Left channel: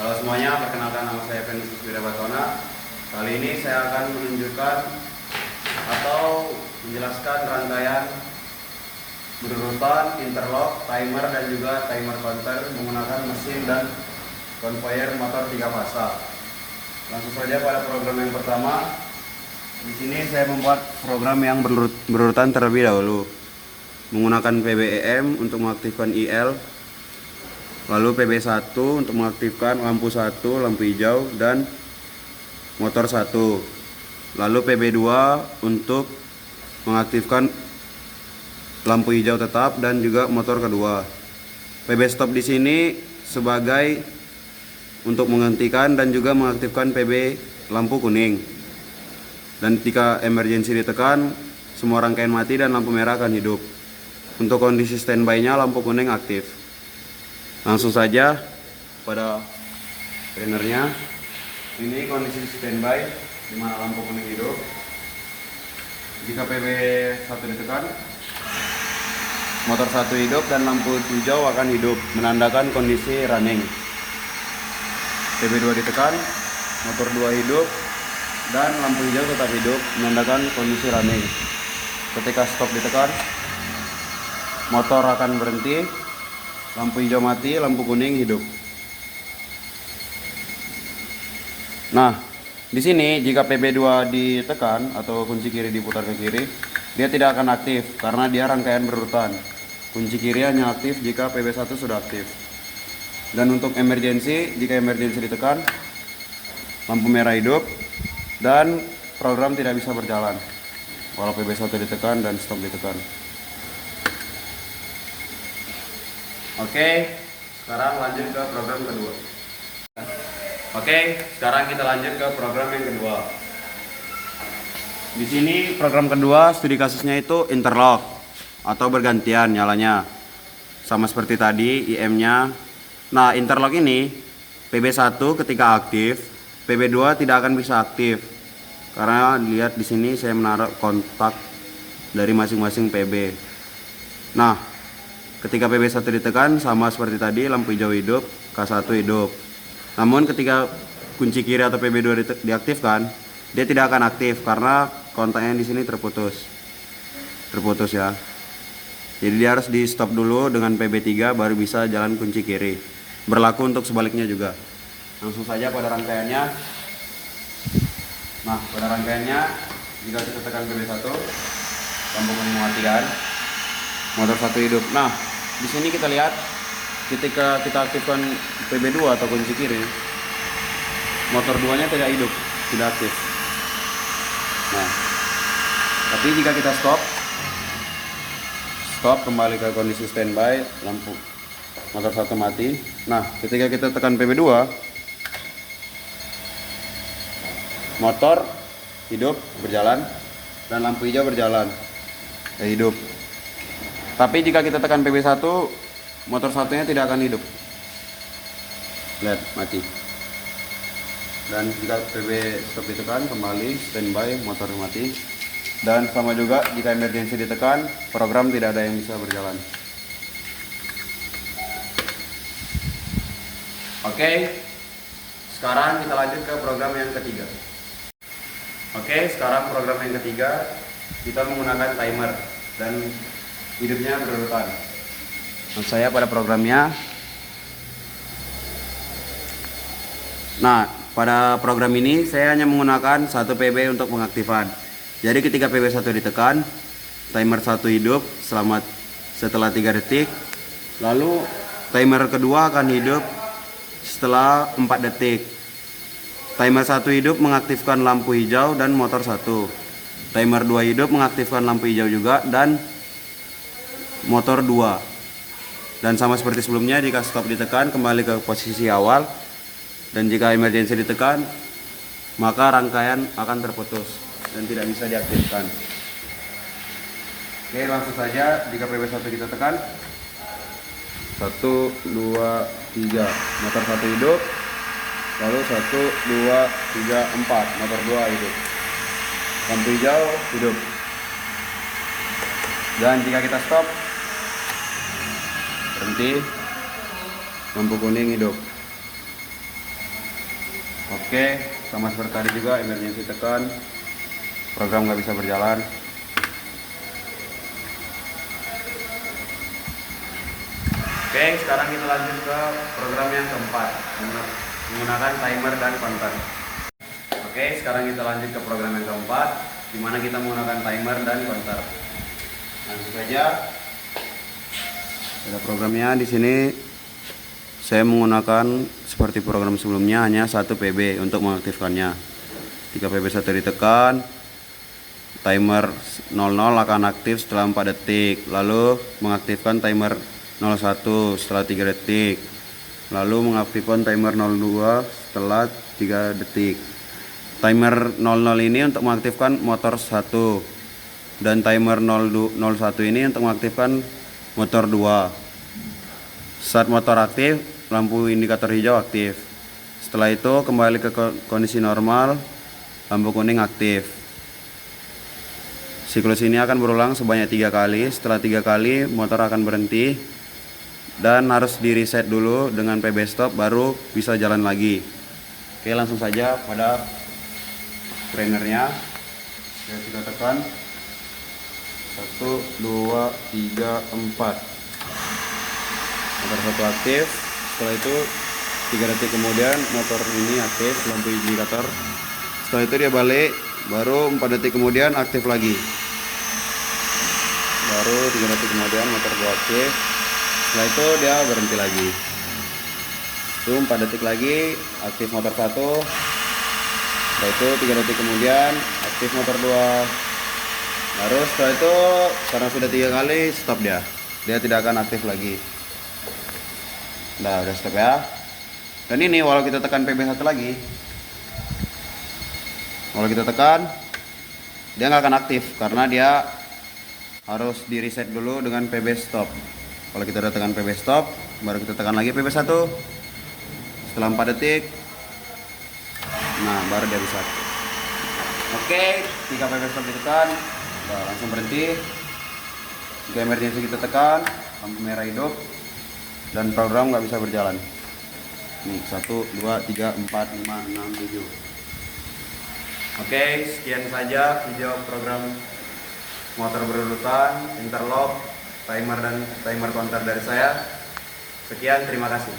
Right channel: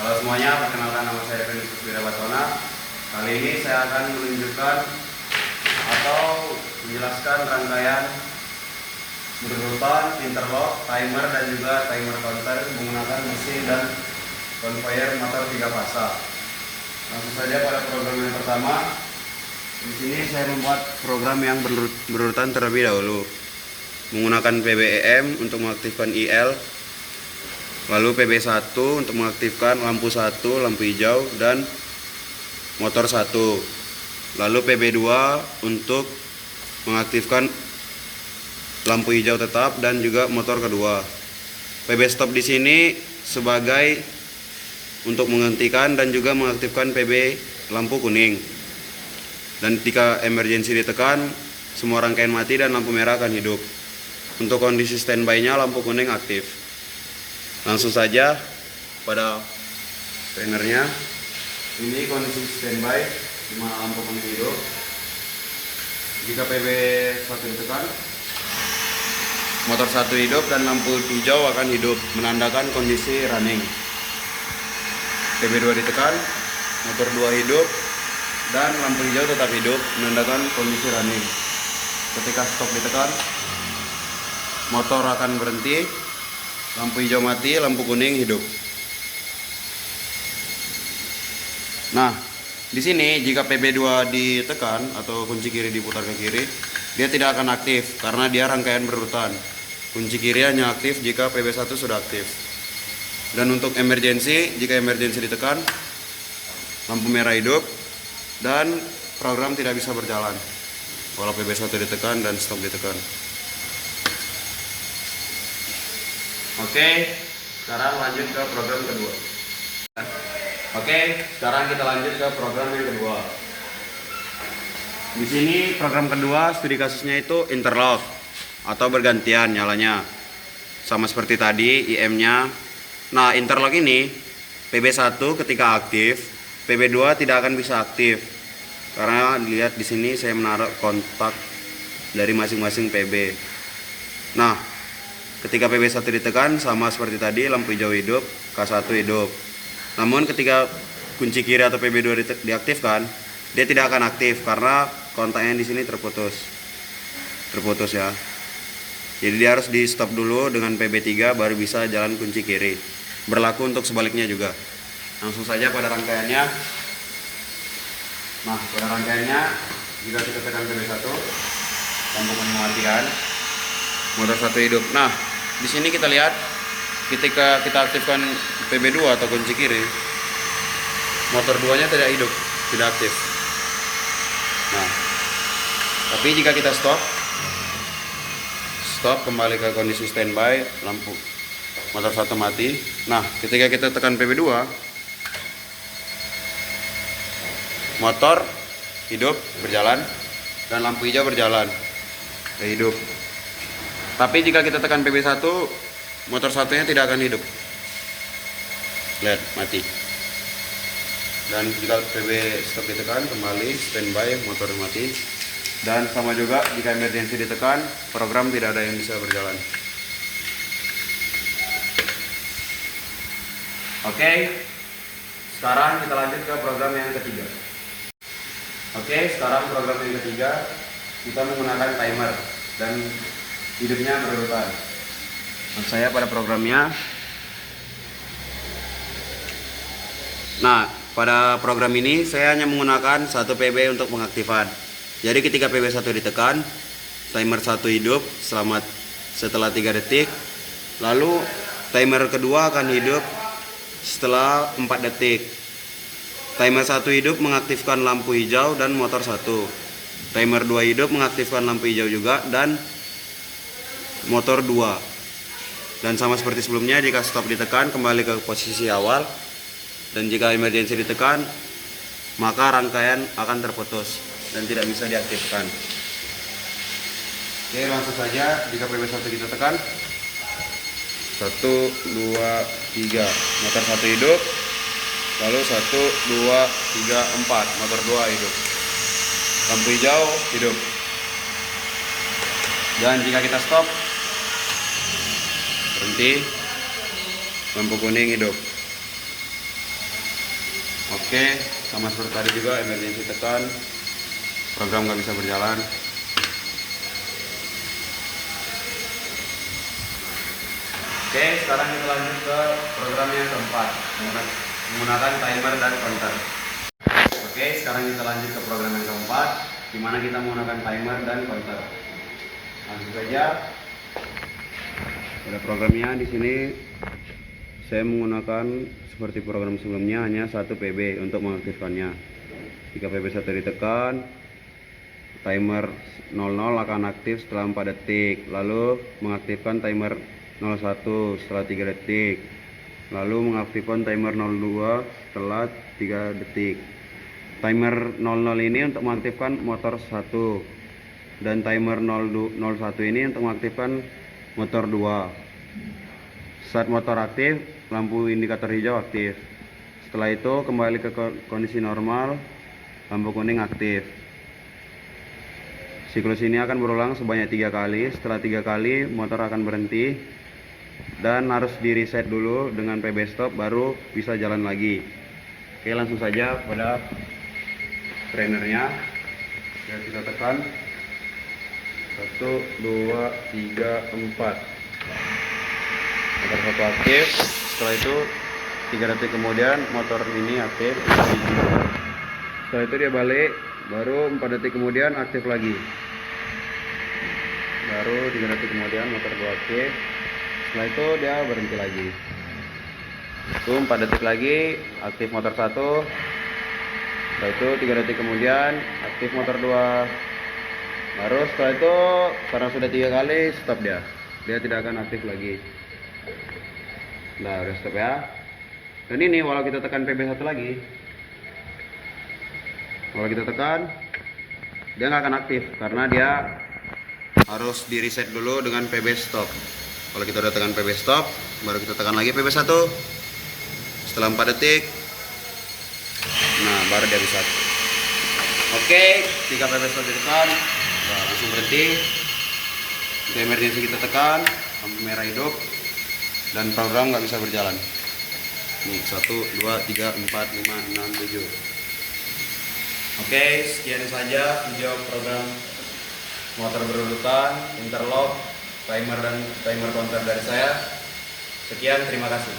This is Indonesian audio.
Halo semuanya, perkenalkan nama saya Kenisius Wirabasona. Kali ini saya akan menunjukkan atau menjelaskan rangkaian berurutan, interlock, timer dan juga timer counter menggunakan mesin dan conveyor motor 3 fasa. Langsung saja pada program yang pertama. Di sini saya membuat program yang berurutan terlebih dahulu. Menggunakan PBEM untuk mengaktifkan IL, lalu PB1 untuk mengaktifkan lampu 1, lampu hijau dan motor 1. Lalu PB2 untuk mengaktifkan lampu hijau tetap dan juga motor kedua. PB stop di sini sebagai untuk menghentikan dan juga mengaktifkan PB lampu kuning. Dan ketika emergency ditekan, semua rangkaian mati dan lampu merah akan hidup. Untuk kondisi standby-nya lampu kuning aktif. Langsung saja pada trainernya. Ini kondisi standby di mana lampu kuning hidup. Jika PB1 ditekan, motor 1 hidup dan lampu hijau akan hidup, menandakan kondisi running. PB2 ditekan, motor 2 hidup dan lampu hijau tetap hidup, menandakan kondisi running. Ketika stop ditekan, motor akan berhenti, lampu hijau mati, lampu kuning hidup. Nah, di sini jika PB2 ditekan atau kunci kiri diputar ke kiri, dia tidak akan aktif karena dia rangkaian berurutan. Kunci kiri hanya aktif jika PB1 sudah aktif. Dan untuk emergency, jika emergency ditekan, lampu merah hidup dan program tidak bisa berjalan walau PB1 ditekan dan stop ditekan. Oke, sekarang lanjut ke program kedua. Oke, sekarang kita lanjut ke program yang kedua. Di sini program kedua studi kasusnya itu interlock atau bergantian nyalanya. Sama seperti tadi IM-nya. Nah, interlock ini PB1 ketika aktif, PB2 tidak akan bisa aktif. Karena dilihat di sini saya menaruh kontak dari masing-masing PB. Nah, ketika PB1 ditekan sama seperti tadi, lampu hijau hidup, K1 hidup. Namun ketika kunci kiri atau PB2 diaktifkan, dia tidak akan aktif karena kontaknya di sini terputus. Terputus ya. Jadi dia harus di stop dulu dengan PB3 baru bisa jalan kunci kiri. Berlaku untuk sebaliknya juga. Langsung saja pada rangkaiannya. Nah, pada rangkaiannya jika kita tekan PB1, lampu kuning matikan, motor 1 hidup. Nah, di sini kita lihat ketika kita aktifkan PB2 atau kunci kiri, motor 2-nya tidak hidup, tidak aktif. Nah, tapi jika kita stop kembali ke kondisi standby, lampu motor 1 mati. Nah, ketika kita tekan PB2, motor hidup berjalan dan lampu hijau berjalan hidup. Tapi jika kita tekan PB1, motor satunya tidak akan hidup. Lihat, mati. Dan jika PB stop ditekan, kembali standby, motor mati. Dan sama juga jika emergency ditekan, program tidak ada yang bisa berjalan. Oke, sekarang kita lanjut ke program yang ketiga. Oke, sekarang program yang ketiga, kita menggunakan timer dan hidupnya berurutan. Nah, saya pada programnya. Nah, pada program ini saya hanya menggunakan 1 PB untuk pengaktifan. Jadi ketika PB1 ditekan, timer 1 hidup setelah 3 detik. Lalu timer kedua akan hidup setelah 4 detik. Timer 1 hidup mengaktifkan lampu hijau dan motor 1. Timer 2 hidup mengaktifkan lampu hijau juga dan motor 2. Dan sama seperti sebelumnya, jika stop ditekan kembali ke posisi awal. Dan jika emergency ditekan, maka rangkaian akan terputus dan tidak bisa diaktifkan. Oke, langsung saja jika PB1 kita tekan, 1, 2, 3, motor 1 hidup. Lalu 1, 2, 3, 4, motor 2 hidup. Lampu hijau hidup. Dan jika kita stop, berhenti, lampu kuning hidup. Oke, sama seperti tadi juga emergency tekan, program nggak bisa berjalan. Oke, sekarang kita lanjut ke program yang keempat, menggunakan timer dan counter. Oke, sekarang kita lanjut ke program yang keempat, di mana kita menggunakan timer dan counter. Langsung saja. Ada programnya di sini. Saya menggunakan seperti program sebelumnya, hanya 1 PB untuk mengaktifkannya. Jika PB 1 ditekan, timer 00 akan aktif setelah 4 detik. Lalu mengaktifkan timer 01 setelah 3 detik. Lalu mengaktifkan timer 02 setelah 3 detik. Timer 00 ini untuk mengaktifkan motor 1, dan timer 01 ini untuk mengaktifkan motor 2. Saat motor aktif, lampu indikator hijau aktif. Setelah itu kembali ke kondisi normal, lampu kuning aktif. Siklus ini akan berulang sebanyak 3 kali. Setelah 3 kali motor akan berhenti dan harus di reset dulu dengan PB stop, baru bisa jalan lagi. Oke, langsung saja pada trainernya. Kita tekan 1, 2, 3, 4. Motor 1 aktif. Setelah itu 3 detik kemudian motor ini aktif. Setelah itu dia balik, baru 4 detik kemudian aktif lagi. Baru 3 detik kemudian motor 2 aktif. Setelah itu dia berhenti lagi. Itu 4 detik lagi aktif motor 1. Setelah itu 3 detik kemudian aktif motor 2. Baru setelah itu karena sudah 3 kali stop dia tidak akan aktif lagi. Nah, udah stop ya. Dan ini walau kita tekan PB 1 lagi, walau kita tekan, dia nggak akan aktif karena dia harus di reset dulu dengan PB stop. Kalau kita udah tekan PB stop, baru kita tekan lagi PB 1 setelah 4 detik. Nah, baru dia reset. Oke, 3 PB stop ditekan, nah, langsung berhenti. Jika emergency kita tekan, lampu merah hidup, dan program nggak bisa berjalan. Nih 1, 2, 3, 4, 5, 6, 7. Oke, sekian saja video program motor berurutan, interlock, timer dan timer counter dari saya. Sekian, terima kasih.